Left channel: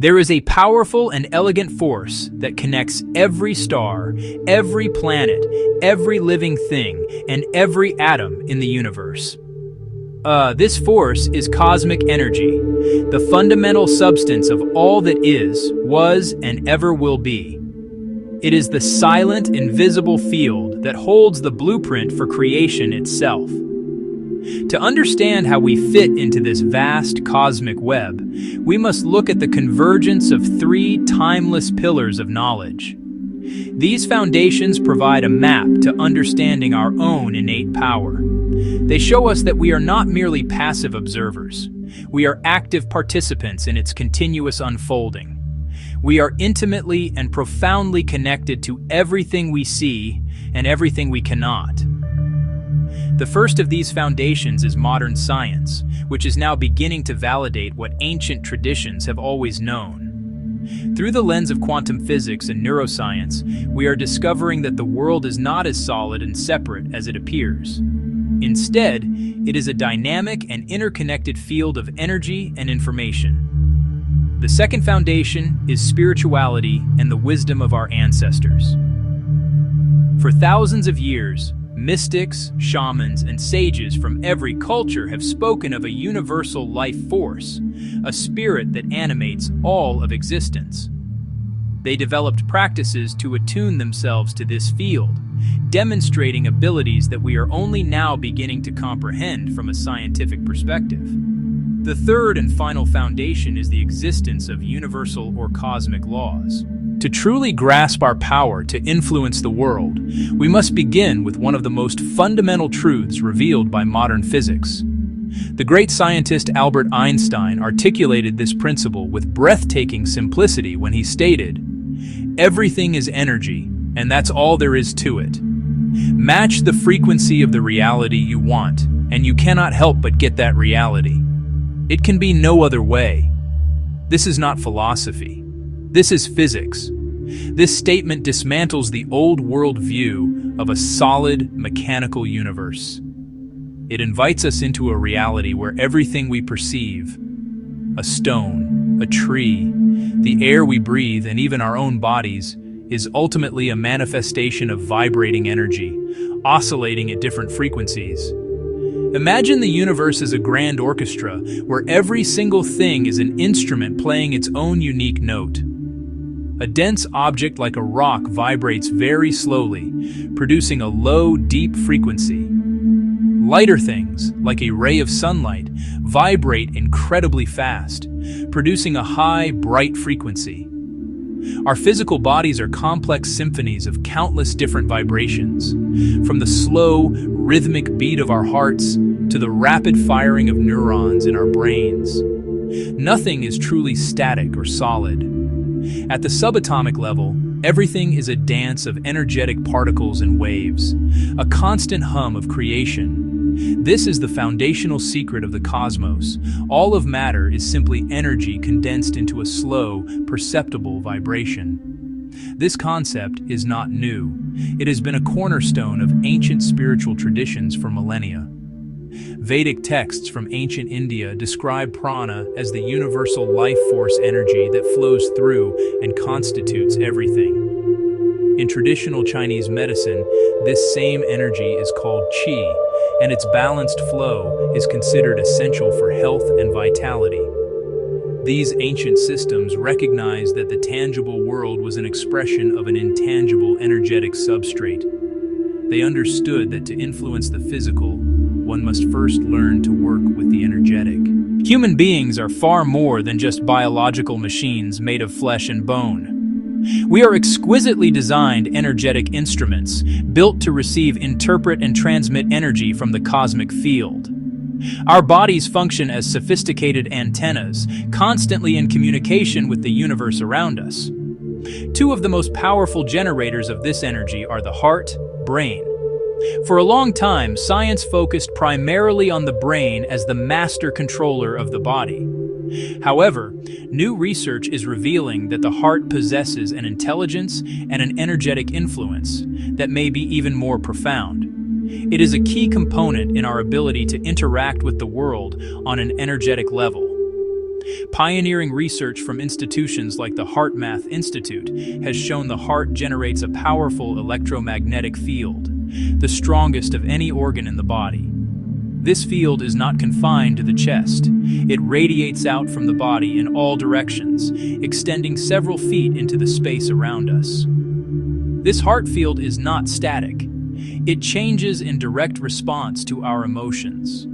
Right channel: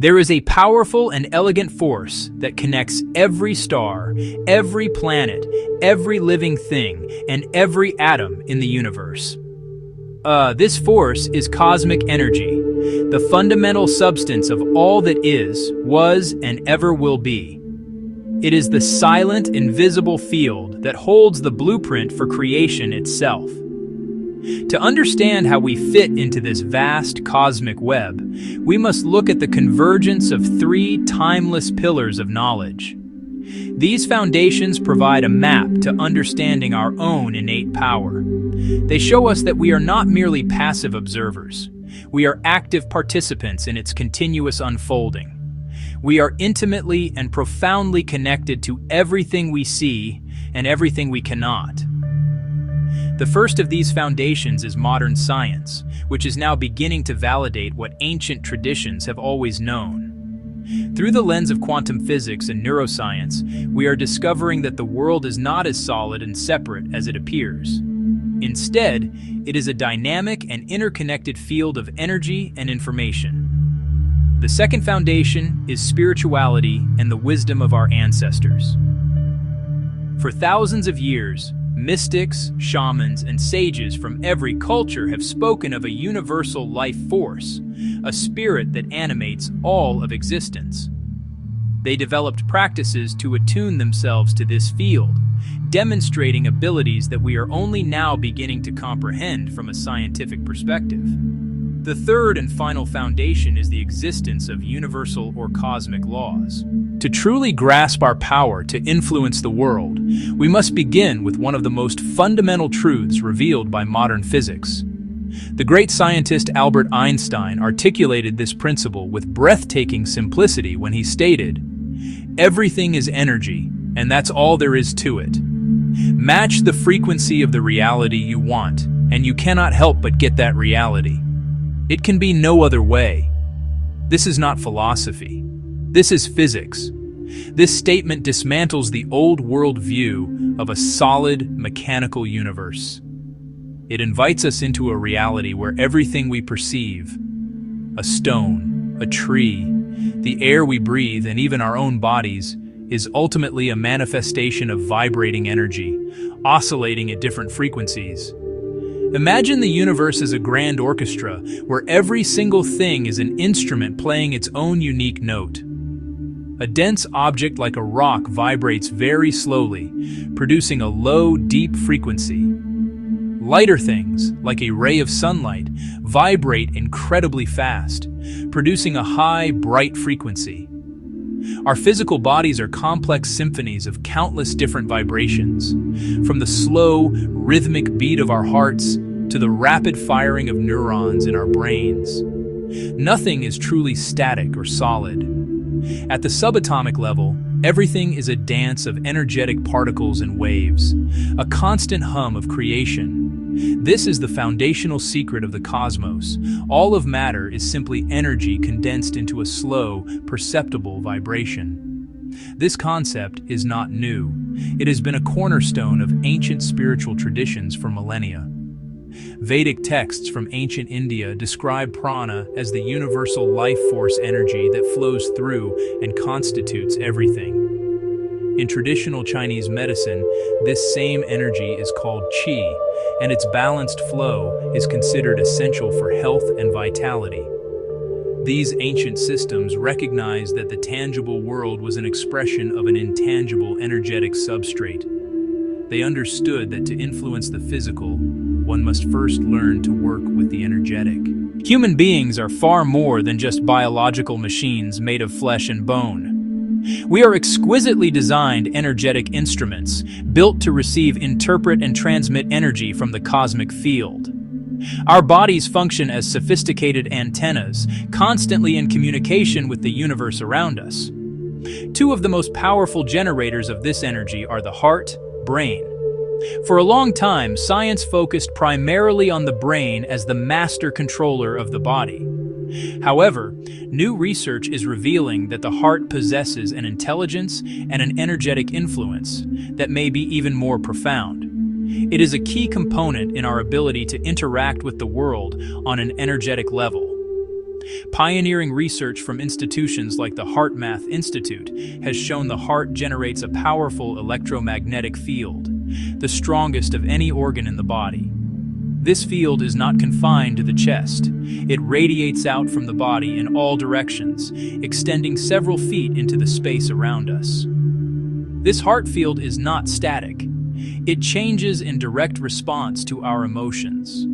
There is a powerful and elegant force that connects every star, every planet, every living thing, and every atom in the universe. This force is cosmic energy, the fundamental substance of all that is, was, and ever will be. It is the silent, invisible field that holds the blueprint for creation itself. To understand how we fit into this vast cosmic web, we must look at the convergence of three timeless pillars of knowledge. These foundations provide a map to understanding our own innate power. They show us that we are not merely passive observers. We are active participants in its continuous unfolding. We are intimately and profoundly connected to everything we see and everything we cannot. The first of these foundations is modern science, which is now beginning to validate what ancient traditions have always known. Through the lens of quantum physics and neuroscience, we are discovering that the world is not as solid and separate as it appears. Instead, it is a dynamic and interconnected field of energy and information. The second foundation is spirituality and the wisdom of our ancestors. For thousands of years, mystics, shamans, and sages from every culture have spoken of a universal life force, a spirit that animates all of existence. They developed practices to attune themselves to this field, demonstrating abilities that we are only now beginning to comprehend from a scientific perspective. The third and final foundation is the existence of universal or cosmic laws. To truly grasp our power to influence the world, we must begin with one of the most fundamental truths revealed by modern physics. The great scientist Albert Einstein articulated this principle with breathtaking simplicity when he stated, "Everything is energy, and that's all there is to it. Match the frequency of the reality you want, and you cannot help but get that reality. It can be no other way." This is not philosophy. This is physics. This statement dismantles the old world view of a solid, mechanical universe. It invites us into a reality where everything we perceive, a stone, a tree, the air we breathe, and even our own bodies, is ultimately a manifestation of vibrating energy, oscillating at different frequencies. Imagine the universe as a grand orchestra where every single thing is an instrument playing its own unique note. A dense object like a rock vibrates very slowly, producing a low, deep frequency. Lighter things, like a ray of sunlight, vibrate incredibly fast, producing a high, bright frequency. Our physical bodies are complex symphonies of countless different vibrations, from the slow, rhythmic beat of our hearts to the rapid firing of neurons in our brains. Nothing is truly static or solid. At the subatomic level, everything is a dance of energetic particles and waves, a constant hum of creation. This is the foundational secret of the cosmos. All of matter is simply energy condensed into a slow, perceptible vibration. This concept is not new. It has been a cornerstone of ancient spiritual traditions for millennia. Vedic texts from ancient India describe prana as the universal life force energy that flows through and constitutes everything. In traditional Chinese medicine, this same energy is called qi, and its balanced flow is considered essential for health and vitality. These ancient systems recognized that the tangible world was an expression of an intangible energetic substrate. They understood that to influence the physical, one must first learn to work with the energetic. Human beings are far more than just biological machines made of flesh and bone. We are exquisitely designed energetic instruments, built to receive, interpret, and transmit energy from the cosmic field. Our bodies function as sophisticated antennas, constantly in communication with the universe around us. Two of the most powerful generators of this energy are the heart, brain. For a long time, science focused primarily on the brain as the master controller of the body. However, new research is revealing that the heart possesses an intelligence and an energetic influence that may be even more profound. It is a key component in our ability to interact with the world on an energetic level. Pioneering research from institutions like the HeartMath Institute has shown the heart generates a powerful electromagnetic field, the strongest of any organ in the body. This field is not confined to the chest. It radiates out from the body in all directions, extending several feet into the space around us. This heart field is not static. It changes in direct response to our emotions.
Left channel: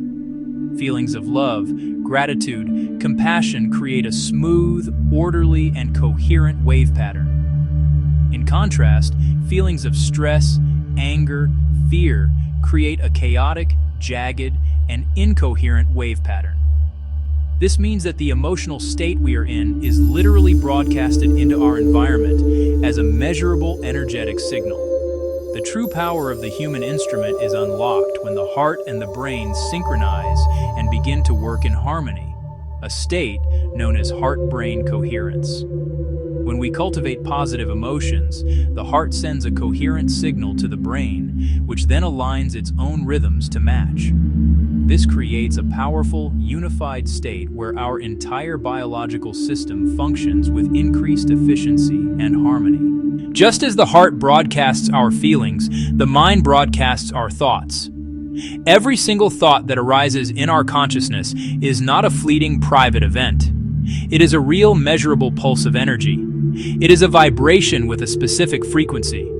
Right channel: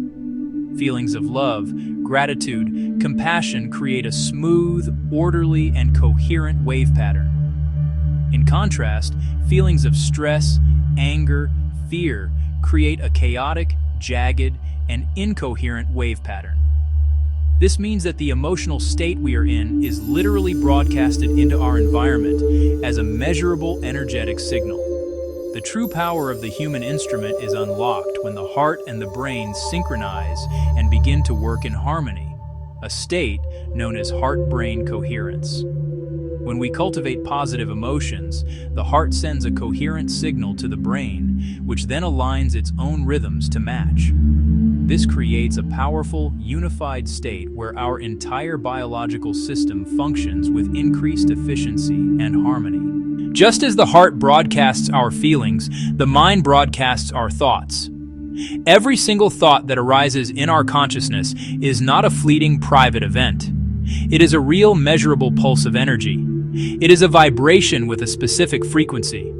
Feelings of love, gratitude, compassion create a smooth, orderly, and coherent wave pattern. In contrast, feelings of stress, anger, fear create a chaotic, jagged, and incoherent wave pattern. This means that the emotional state we are in is literally broadcasted into our environment as a measurable energetic signal. The true power of the human instrument is unlocked when the heart and the brain synchronize and begin to work in harmony, a state known as heart-brain coherence. When we cultivate positive emotions, the heart sends a coherent signal to the brain, which then aligns its own rhythms to match. This creates a powerful, unified state where our entire biological system functions with increased efficiency and harmony. Just as the heart broadcasts our feelings, the mind broadcasts our thoughts. Every single thought that arises in our consciousness is not a fleeting private event. It is a real measurable pulse of energy. It is a vibration with a specific frequency.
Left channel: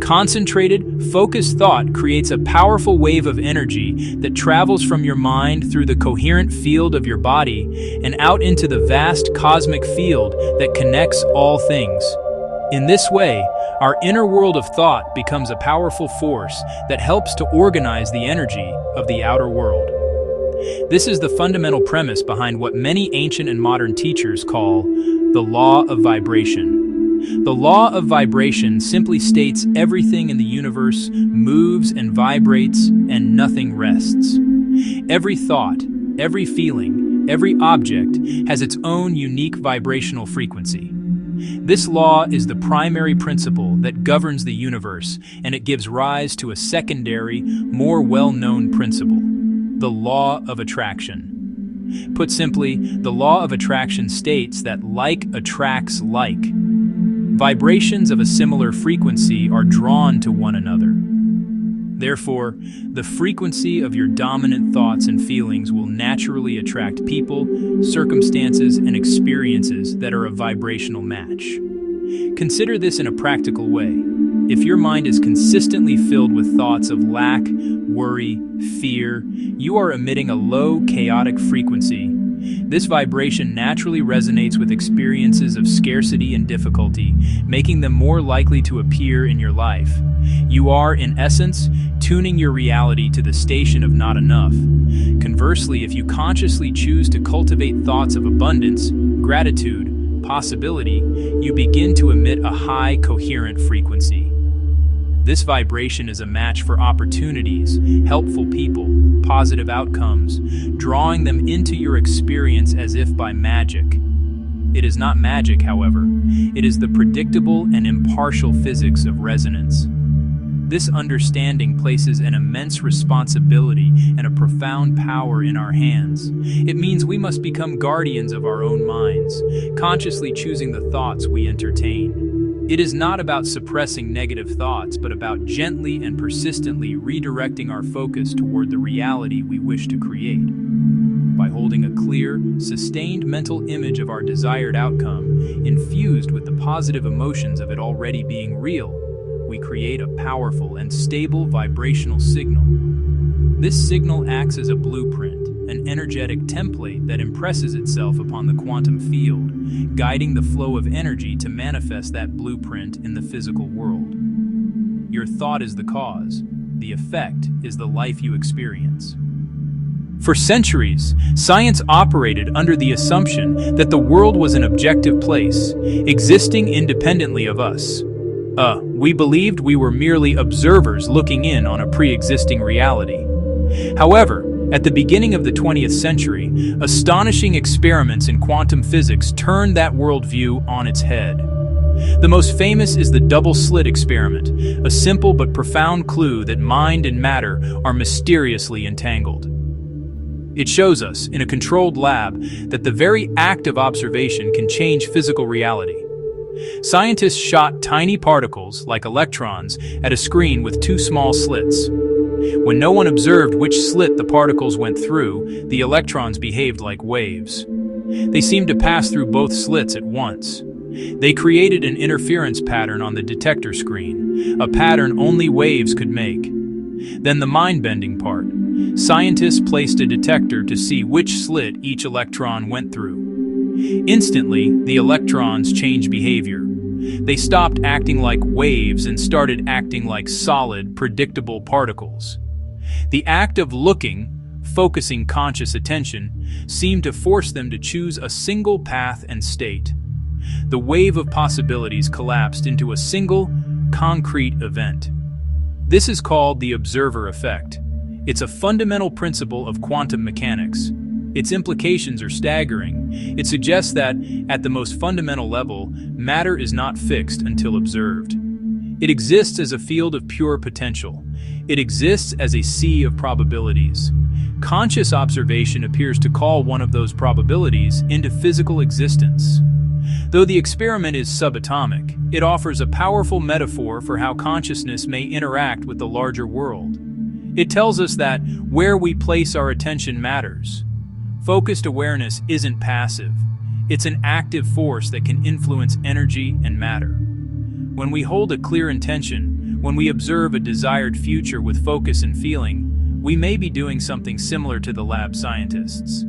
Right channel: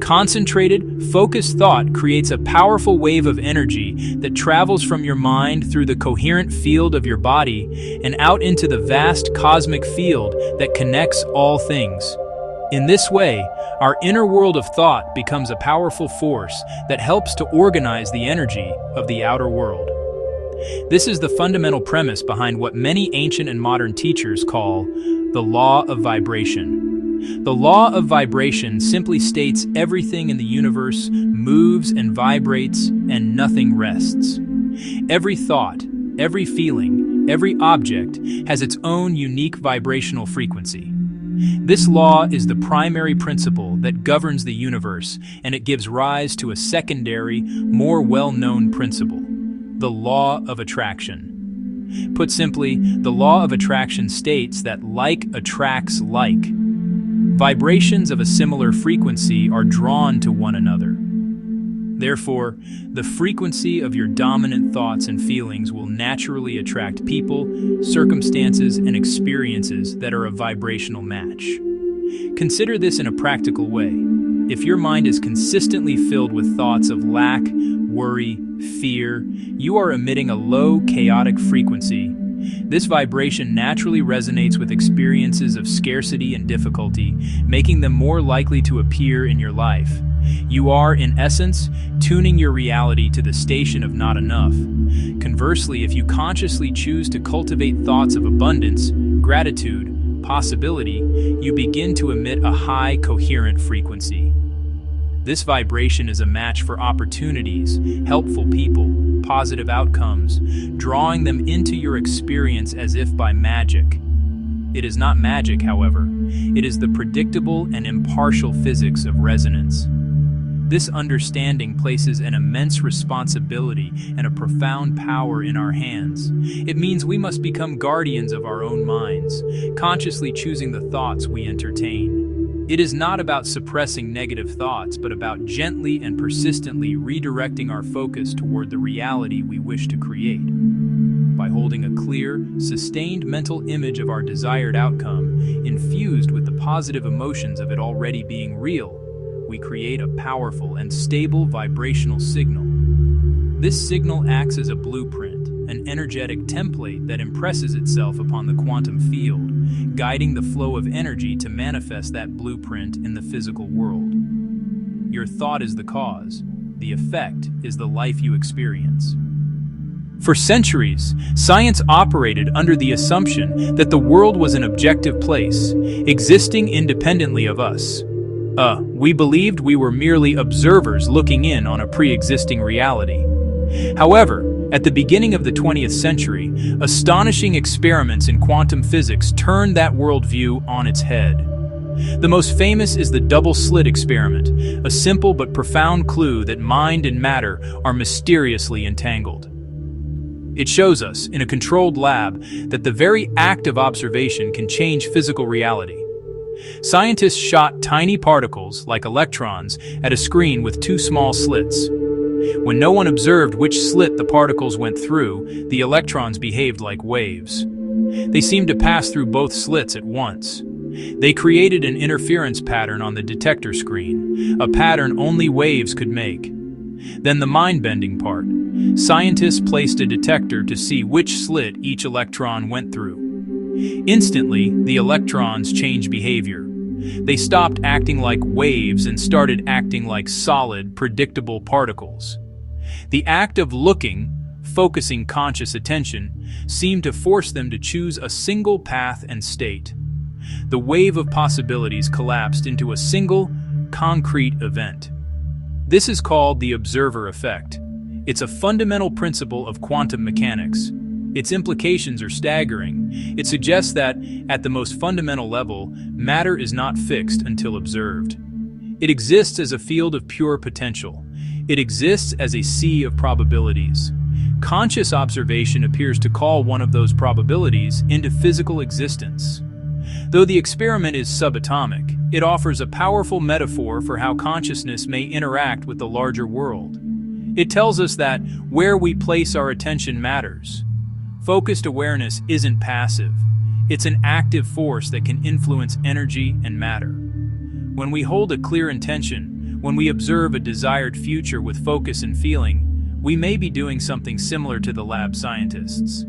Concentrated, focused thought creates a powerful wave of energy that travels from your mind through the coherent field of your body and out into the vast cosmic field that connects all things. In this way, our inner world of thought becomes a powerful force that helps to organize the energy of the outer world. This is the fundamental premise behind what many ancient and modern teachers call the law of vibration. The law of vibration simply states everything in the universe moves and vibrates and nothing rests. Every thought, every feeling, every object has its own unique vibrational frequency. This law is the primary principle that governs the universe, and it gives rise to a secondary, more well-known principle, the law of attraction. Put simply, the law of attraction states that like attracts like. Vibrations of a similar frequency are drawn to one another. Therefore, the frequency of your dominant thoughts and feelings will naturally attract people, circumstances, and experiences that are a vibrational match. Consider this in a practical way. If your mind is consistently filled with thoughts of lack, worry, fear, you are emitting a low, chaotic frequency. This vibration naturally resonates with experiences of scarcity and difficulty, making them more likely to appear in your life. You are, in essence, tuning your reality to the station of not enough. Conversely, if you consciously choose to cultivate thoughts of abundance, gratitude, possibility, you begin to emit a high, coherent frequency. This vibration is a match for opportunities, helpful people, positive outcomes, drawing them into your experience as if by magic. It is not magic, however. It is the predictable and impartial physics of resonance. This understanding places an immense responsibility and a profound power in our hands. It means we must become guardians of our own minds, consciously choosing the thoughts we entertain. It is not about suppressing negative thoughts, but about gently and persistently redirecting our focus toward the reality we wish to create. By holding a clear, sustained mental image of our desired outcome, infused with the positive emotions of it already being real, we create a powerful and stable vibrational signal. This signal acts as a blueprint, an energetic template that impresses itself upon the quantum field, guiding the flow of energy to manifest that blueprint in the physical world. Your thought is the cause. The effect is the life you experience. For centuries, science operated under the assumption that the world was an objective place, existing independently of us. We believed we were merely observers looking in on a pre-existing reality. However, at the beginning of the 20th century, astonishing experiments in quantum physics turned that worldview on its head. The most famous is the double-slit experiment, a simple but profound clue that mind and matter are mysteriously entangled. It shows us, in a controlled lab, that the very act of observation can change physical reality. Scientists shot tiny particles, like electrons, at a screen with two small slits. When no one observed which slit the particles went through, the electrons behaved like waves. They seemed to pass through both slits at once. They created an interference pattern on the detector screen, a pattern only waves could make. Then the mind-bending part. Scientists placed a detector to see which slit each electron went through. Instantly, the electrons changed behavior. They stopped acting like waves and started acting like solid, predictable particles. The act of looking, focusing conscious attention, seemed to force them to choose a single path and state. The wave of possibilities collapsed into a single, concrete event. This is called the observer effect. It's a fundamental principle of quantum mechanics. Its implications are staggering. It suggests that, at the most fundamental level, matter is not fixed until observed. It exists as a field of pure potential. It exists as a sea of probabilities. Conscious observation appears to call one of those probabilities into physical existence. Though the experiment is subatomic, it offers a powerful metaphor for how consciousness may interact with the larger world. It tells us that where we place our attention matters. Focused awareness isn't passive. It's an active force that can influence energy and matter. When we hold a clear intention, when we observe a desired future with focus and feeling, we may be doing something similar to the lab scientists.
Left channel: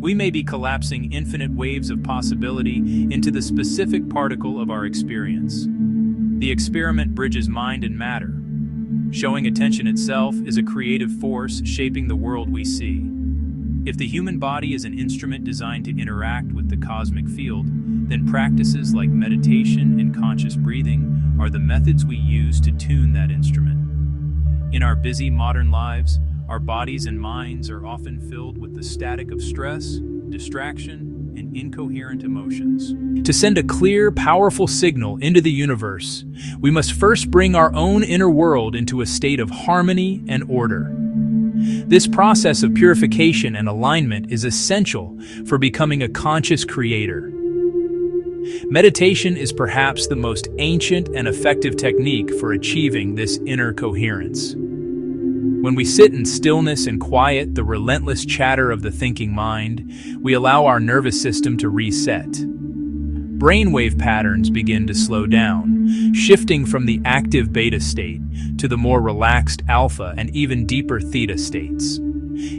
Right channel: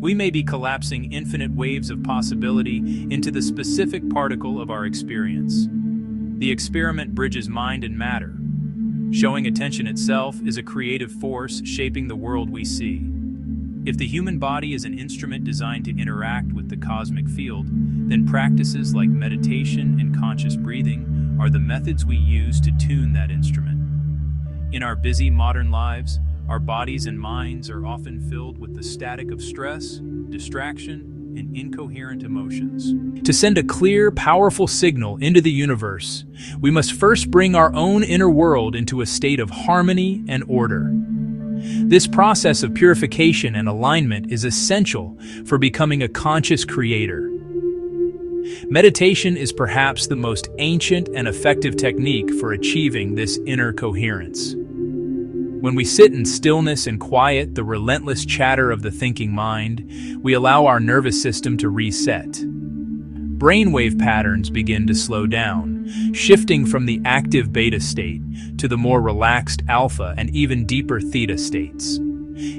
We may be collapsing infinite waves of possibility into the specific particle of our experience. The experiment bridges mind and matter. Showing attention itself is a creative force shaping the world we see. If the human body is an instrument designed to interact with the cosmic field, then practices like meditation and conscious breathing are the methods we use to tune that instrument. In our busy modern lives, our bodies and minds are often filled with the static of stress, distraction, and incoherent emotions. To send a clear, powerful signal into the universe, we must first bring our own inner world into a state of harmony and order. This process of purification and alignment is essential for becoming a conscious creator. Meditation is perhaps the most ancient and effective technique for achieving this inner coherence. When we sit in stillness and quiet the relentless chatter of the thinking mind, we allow our nervous system to reset. Brainwave patterns begin to slow down, shifting from the active beta state to the more relaxed alpha and even deeper theta states.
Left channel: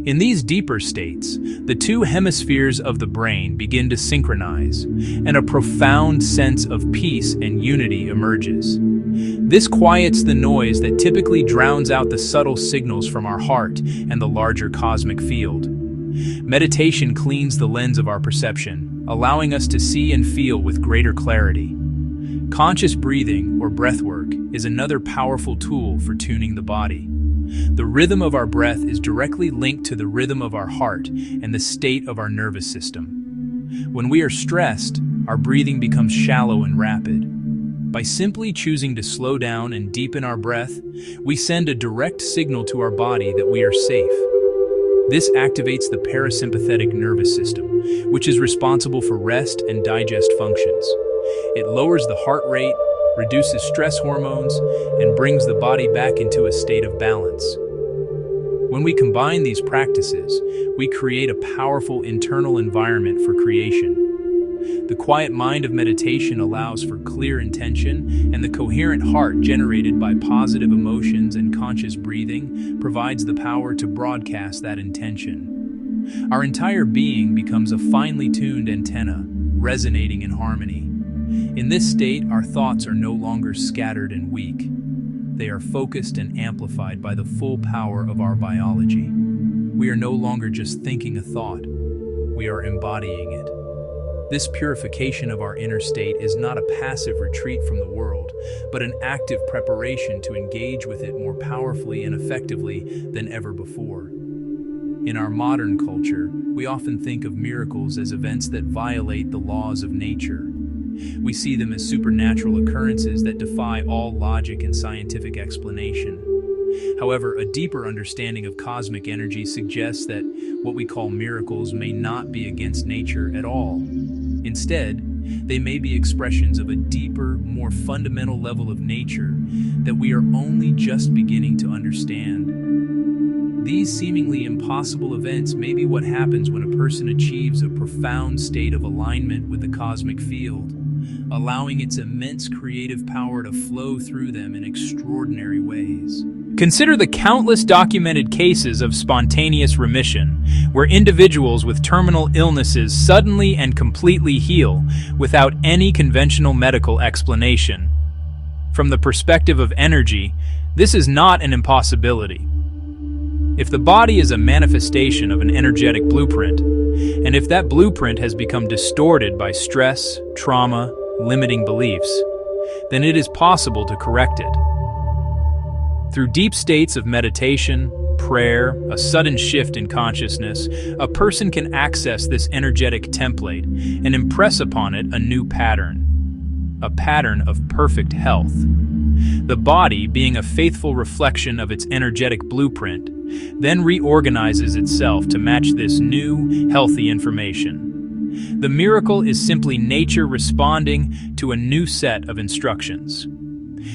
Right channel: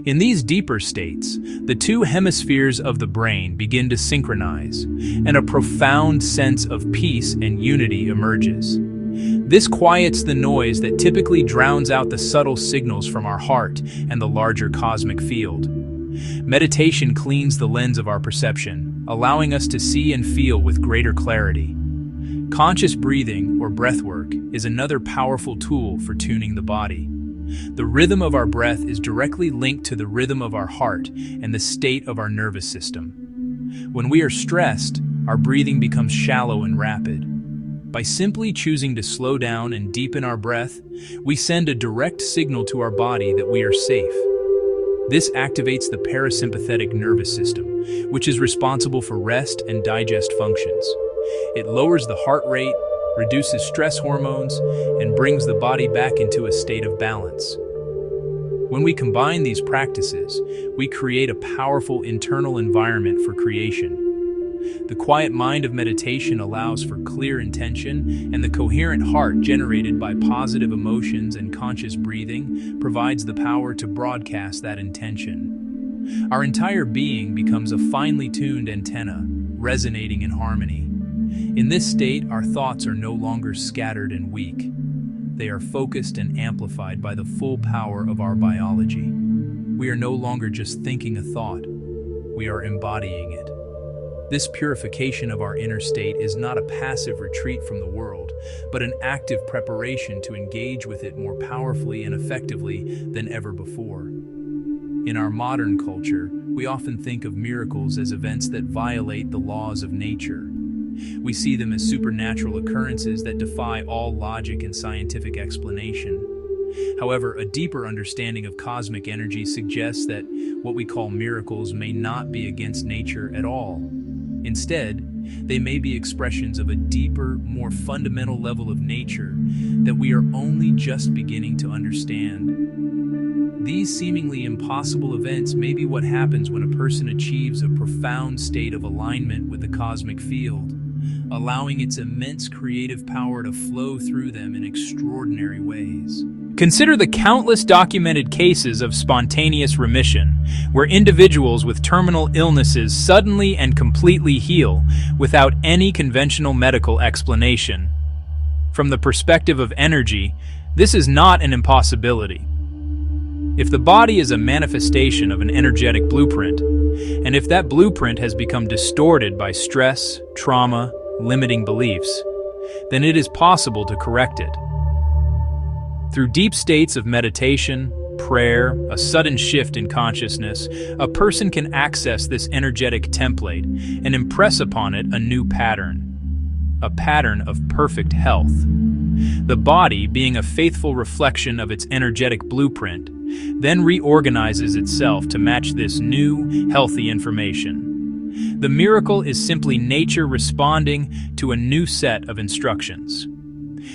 In these deeper states, the two hemispheres of the brain begin to synchronize, and a profound sense of peace and unity emerges. This quiets the noise that typically drowns out the subtle signals from our heart and the larger cosmic field. Meditation cleans the lens of our perception, allowing us to see and feel with greater clarity. Conscious breathing, or breathwork, is another powerful tool for tuning the body. The rhythm of our breath is directly linked to the rhythm of our heart and the state of our nervous system. When we are stressed, our breathing becomes shallow and rapid. By simply choosing to slow down and deepen our breath, we send a direct signal to our body that we are safe. This activates the parasympathetic nervous system, which is responsible for rest and digest functions. It lowers the heart rate, reduces stress hormones, and brings the body back into a state of balance. When we combine these practices, we create a powerful internal environment for creation. The quiet mind of meditation allows for clear intention, and the coherent heart generated by positive emotions and conscious breathing provides the power to broadcast that intention. Our entire being becomes a finely tuned antenna, resonating in harmony. In this state, our thoughts are no longer scattered and weak. They are focused and amplified by the full power of our biology. We are no longer just thinking a thought, we are embodying it. This purification of our inner state is not a passive retreat from the world, but an active preparation to engage with it more powerfully and effectively than ever before. In our modern culture, we often think of miracles as events that violate the laws of nature. We see them as supernatural occurrences that defy all logic and scientific explanation. However, a deeper understanding of cosmic energy suggests that what we call miracles may not be against nature at all. Instead, they may be expressions of a deeper, more fundamental level of nature that we are only just beginning to understand. These seemingly impossible events may be what happens when a person achieves a profound state of alignment with the cosmic field, allowing its immense creative power to flow through them in extraordinary ways. Consider the countless documented cases of spontaneous remission, where individuals with terminal illnesses suddenly and completely heal without any conventional medical explanation. From the perspective of energy, this is not an impossibility. If the body is a manifestation of an energetic blueprint, and if that blueprint has become distorted by stress, trauma, limiting beliefs, then it is possible to correct it. Through deep states of meditation, prayer, a sudden shift in consciousness, a person can access this energetic template and impress upon it a new pattern, a pattern of perfect health. The body, being a faithful reflection of its energetic blueprint, then reorganizes itself to match this new, healthy information. The miracle is simply nature responding to a new set of instructions.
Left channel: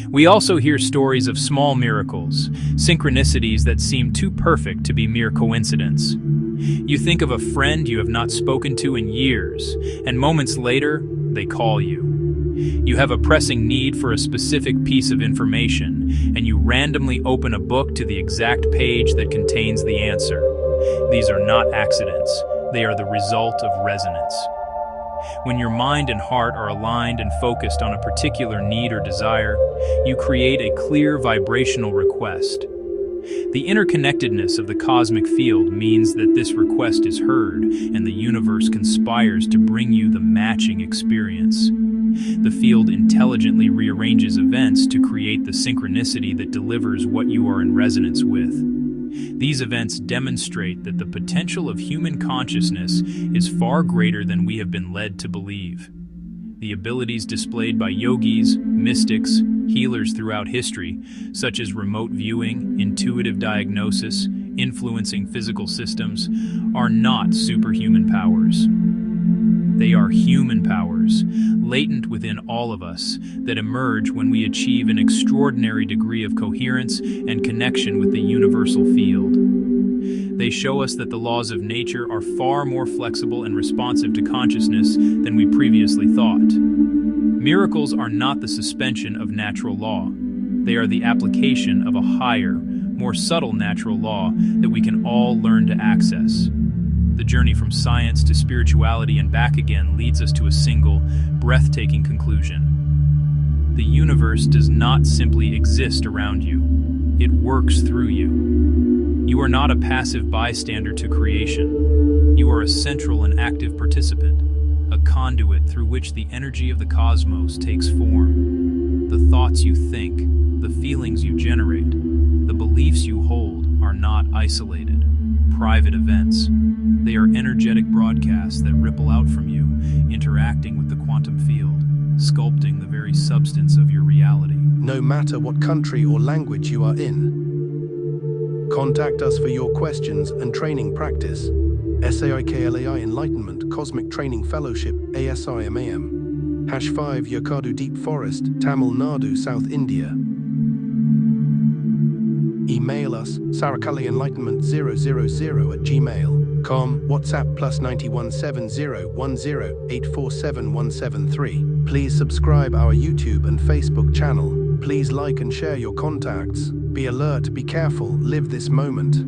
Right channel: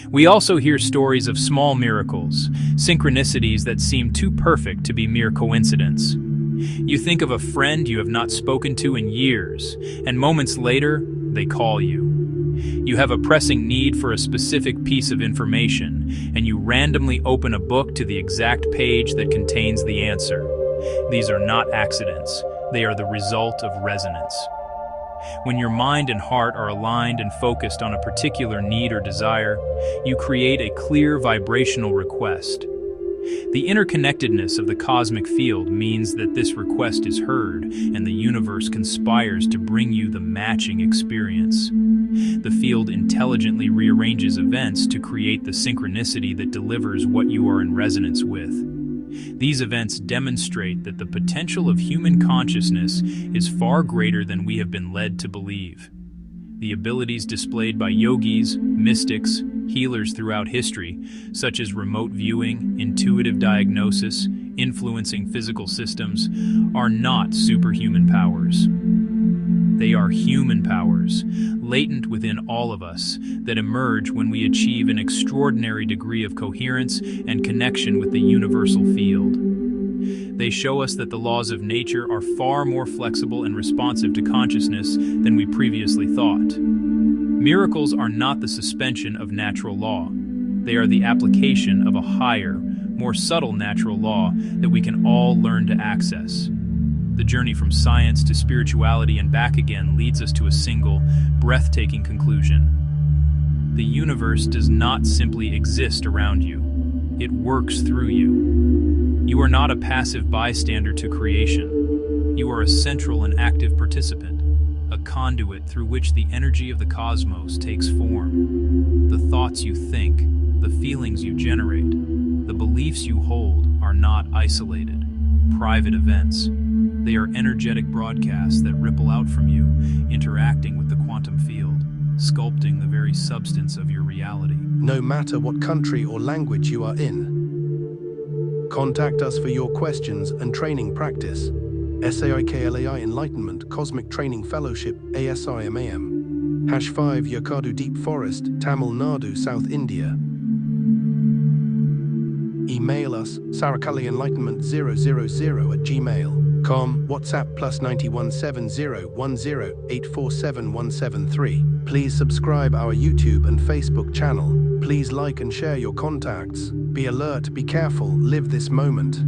We also hear stories of small miracles, synchronicities that seem too perfect to be mere coincidence. You think of a friend you have not spoken to in years, and moments later, they call you. You have a pressing need for a specific piece of information, and you randomly open a book to the exact page that contains the answer. These are not accidents. They are the result of resonance. When your mind and heart are aligned and focused on a particular need or desire, you create a clear vibrational request. The interconnectedness of the cosmic field means that this request is heard, and the universe conspires to bring you the matching experience. The field intelligently rearranges events to create the synchronicity that delivers what you are in resonance with. These events demonstrate that the potential of human consciousness is far greater than we have been led to believe. The abilities displayed by yogis, mystics, healers throughout history, such as remote viewing, intuitive diagnosis, influencing physical systems, are not superhuman powers. They are human powers, latent within all of us, that emerge when we achieve an extraordinary degree of coherence and connection with the universal field. They show us that the laws of nature are far more flexible and responsive to consciousness than we previously thought. Miracles are not the suspension of natural law. They are the application of a higher, more subtle natural law that we can all learn to access. The journey from science to spirituality and back again leads us to a single, breathtaking conclusion. The universe does not simply exist around you. It works through you. You are not a passive bystander to creation. You are a central and active participant, a conduit through which the energy of the cosmos takes form. The thoughts you think, the feelings you generate, the beliefs you hold are not isolated, private events. They are energetic broadcasts that ripple out from you, interacting with the quantum field, sculpting the very substance of your reality. No matter what country or language you are in. Contact us for your questions and training practice. SAIKLAI Enlightenment Cosmic Training Fellowship ASIMAM #5 Yakadu Deep Forest, Tamil Nadu, South India. Email us sarakalienlightenment000@gmail.com. WhatsApp +91 7010 847 173. Please subscribe our YouTube and Facebook channel. Please like and share your contacts. Be alert, be careful, live this moment.